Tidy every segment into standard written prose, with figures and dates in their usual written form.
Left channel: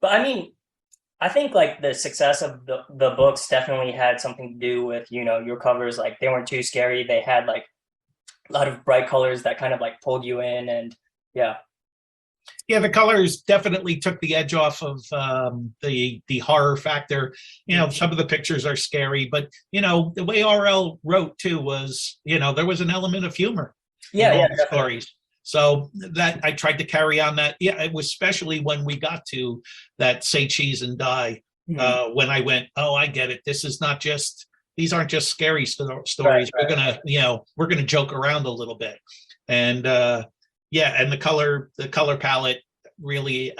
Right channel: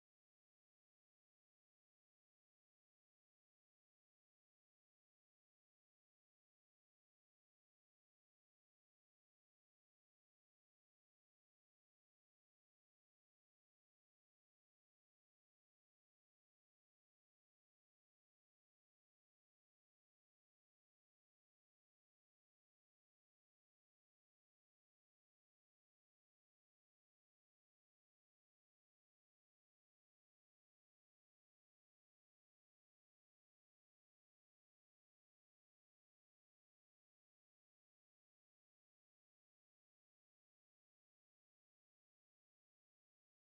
But I mean, I think like the success of the books definitely had something to do with, your covers. Like they weren't too scary. They had like a lot of bright colors that kind of like pulled you in, and yeah. Yeah, the colors definitely took the edge off of the horror factor. Mhm. Some of the pictures are scary, but the way RL wrote too was, there was an element of humor in Yeah, all yeah, the definitely. stories. So that I tried to carry on that. Yeah, it was especially when we got to that say cheese and die, Mhm. when I went, oh, I get it. These aren't just scary Right, stories. We're right. gonna, we're gonna joke around a little bit. And yeah, and the color palette really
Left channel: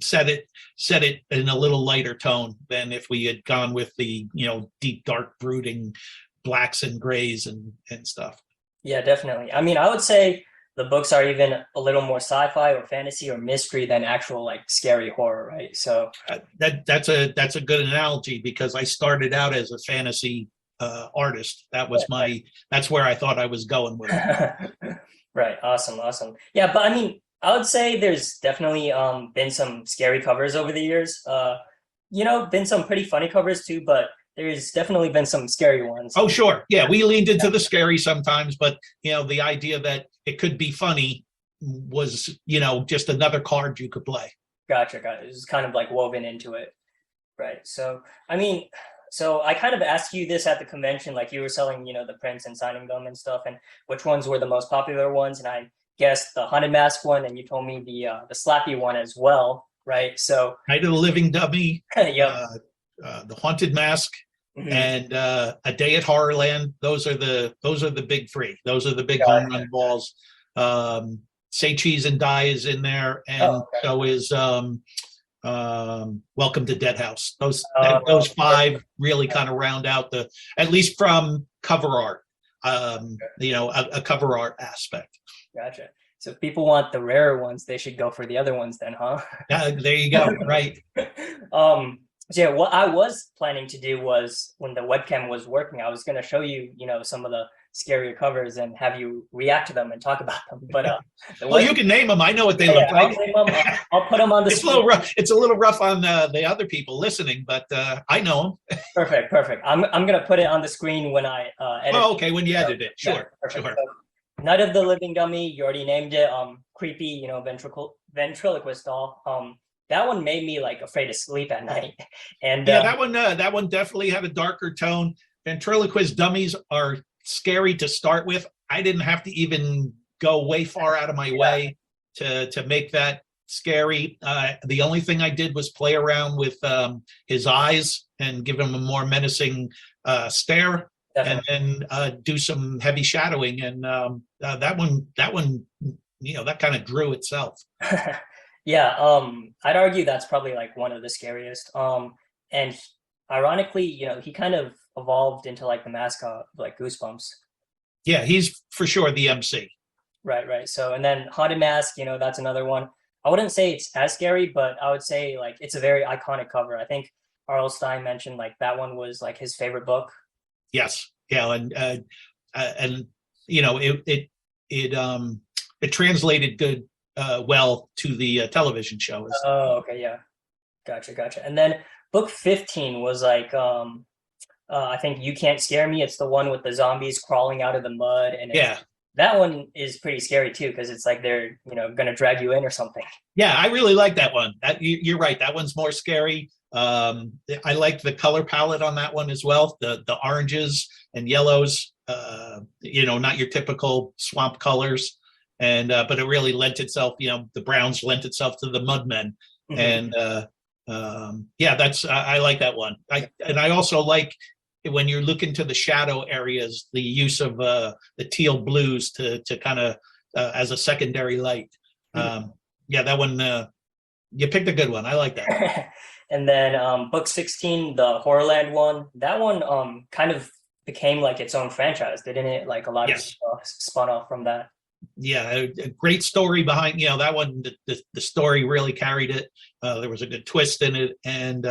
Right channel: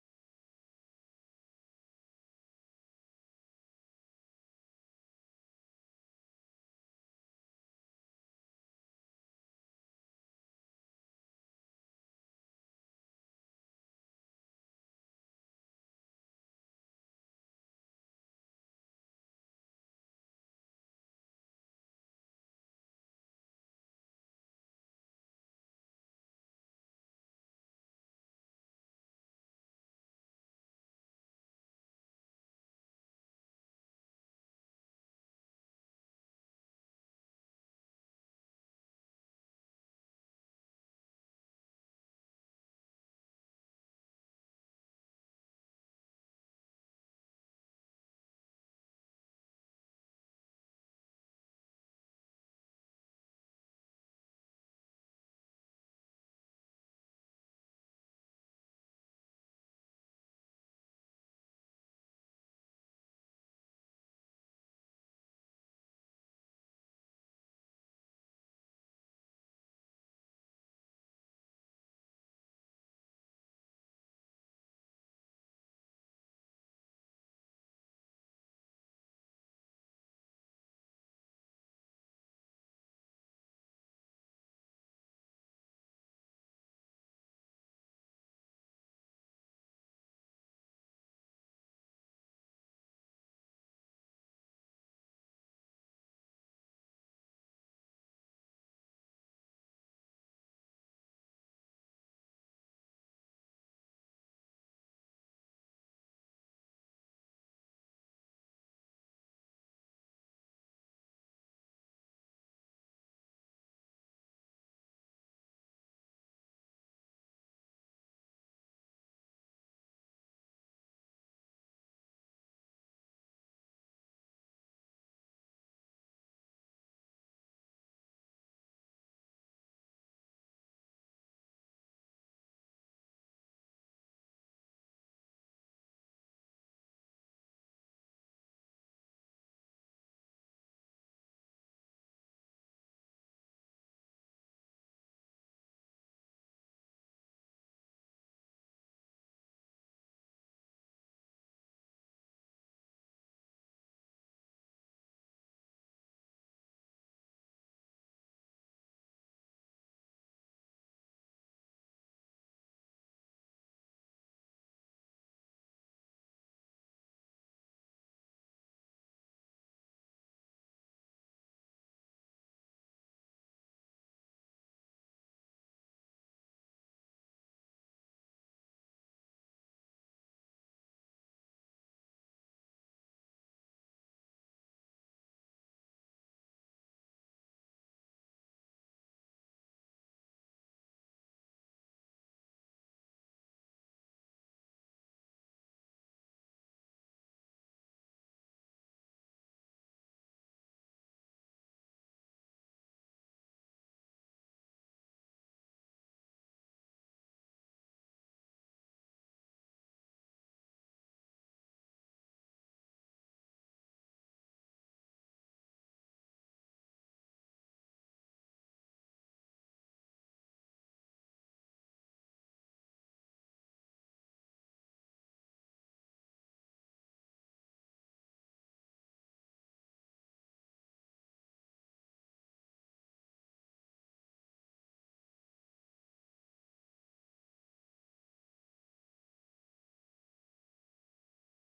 set it in a little lighter tone than if we had gone with the deep dark brooding blacks and grays and stuff. Yeah, definitely. I mean, I would say the books are even a little more sci-fi or fantasy or mystery than actual like scary horror, right? So, That's a good analogy because I started out as a fantasy artist. That's where I thought I was going with it. right. Awesome, awesome. Yeah, but I mean, I would say there's definitely been some scary covers over the years. Been some pretty funny covers too, but there's definitely been some scary ones. Oh, sure. Yeah, we leaned into the scary sometimes, but the idea that it could be funny was, just another card you could play. Gotcha, gotcha. It's kind of like woven into it. Right. So, I mean, so I kind of asked you this at the convention, like you were selling, the prints and signing them and stuff, and which ones were the most popular ones, and I guessed the haunted mask one, and you told me the slappy one as well, right? So, Night of the Living Dummy, yep. uh, The Haunted Mask, Mhm. and A Day at Horrorland. Those are the big three. Those are the big home Gotcha. run balls. Um, Say Cheese and Die is in there, and Oh, okay. so is Welcome to Dead House. Those Perfect. five really kind of round out at least from cover art, a cover art aspect. Gotcha. So if people want the rarer ones, they should go for the other ones then, huh? There you go. Right. um so yeah, what I was planning to do was when the webcam was working, I was going to show you, some of the scarier covers and have you react to them and talk about them. But the Well, web you can name them. I know what they yeah, look I'll like. name them. I'll put them on the It's a screen. little rough. It's a little rough on the other people listening, but I know them. Perfect, perfect. I'm gonna put it on the screen when I edit. Oh, okay. When you So, edit it, yeah, sure, perfect. sure. So, Night of the Living Dummy, you already named it. Creepy, ventriloquist doll. That one made me like afraid to sleep at night. And Yeah, that one definitely had a darker tone. Ventriloquist dummies are scary to start with. I didn't have to even go way far out of my yeah, way to make that scary. The only thing I did was play around with his eyes and give him a more menacing stare, and definitely. then do some heavy shadowing. And that one, that kind of drew itself. Yeah, I'd argue that's probably like one of the scariest. And ironically, he kind of evolved into like the mascot, of, like Goosebumps. Yeah, he's for sure the MC. Right, right. So, and then Haunted Mask, that's another one. I wouldn't say it's as scary, but I would say like it's a very iconic cover. I think R.L. Stein mentioned like that one was like his favorite book. Yes, yeah, and it translated good, well to the television show. Oh, okay, yeah. Gotcha, gotcha. And then book 15 was like I think You Can't Scare Me. It's the one with the zombies crawling out of the mud, and Yeah, that one is pretty scary too because it's like they're, gonna drag you in or something. yeah, I really like that one. You're right. That one's more scary. I like the color palette on that one as well. The oranges and yellows. Not your typical swamp colors, and but it really lent itself. The browns lent itself to the mudmen, Mhm. and yeah, I like that one. I also like when you're looking to the shadow areas, the use of the teal blues to kind of as a secondary light. Mhm. Um, yeah, that one. You picked a good one. I like that. And then book 16, the Horrorland one, that one kind of became like its own franchise, didn't it? Like a lot of Yes. stuff spun off from that. Yeah, a great story behind. That one. The story really carried it. There was a good twist in it, and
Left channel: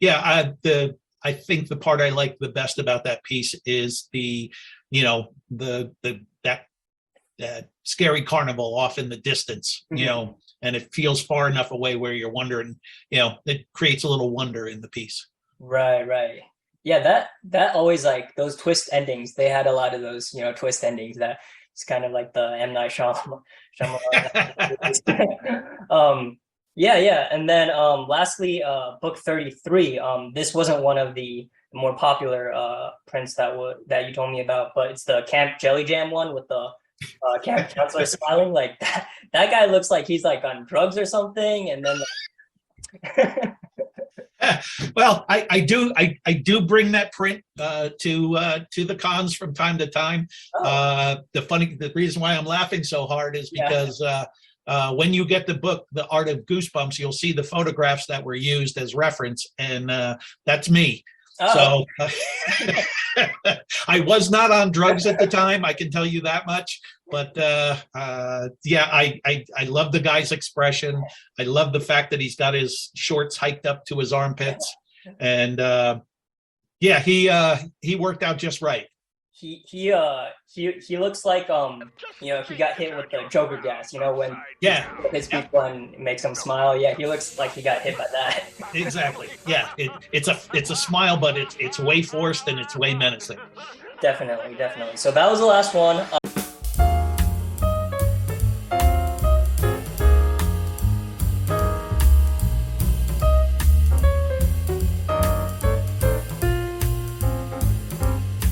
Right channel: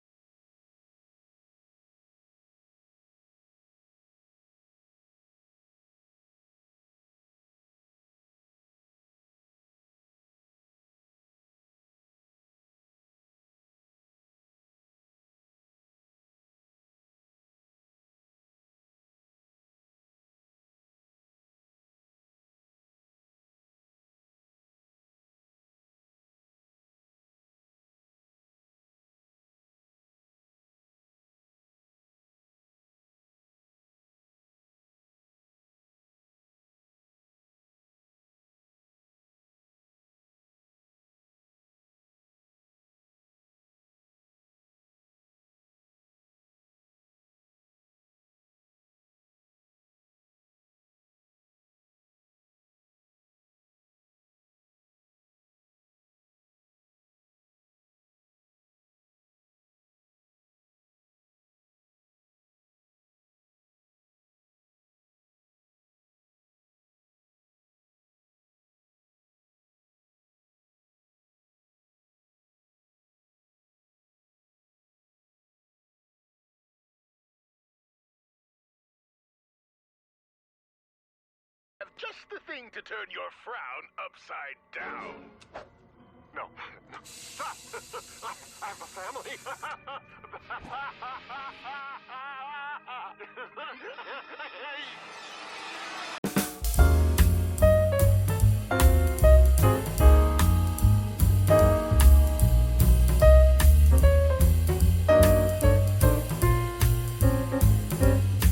yeah, I think the part I like the best about that piece is the that scary carnival off in the distance. Mhm. and it feels far enough away where you're wondering, it creates a little wonder in the piece. Right, right. Yeah, that always like those twist endings. They had a lot of those, twist endings that it's kind of like the M. Night Shyamalan. Yeah, yeah. And then lastly, book 33. This wasn't one of the more popular prints that you told me about, but it's the Camp Jelly Jam one with the camp counselor smiling. Like that guy looks like he's like on drugs or something, and then Well, I do bring that print to the cons from time to time. oh, The reason why I'm laughing so hard is yeah. because when you get the book, The Art of Goosebumps, you'll see the photographs that were used as reference, and that's me. Oh, So I was not on drugs at the time, I can tell you that much. But yeah, I love the guy's expression. I love the fact that he's got his shorts hiked up to his armpits, and yeah, he worked out just right. he looks like he got hit with the Joker gas, when Yeah, hits yeah, people and makes them smile. Yeah, he looks like he got hit by that. exactly. Yeah, it's a smile, but it's way forced and it's way menacing. Definitely, definitely. So that was the last one.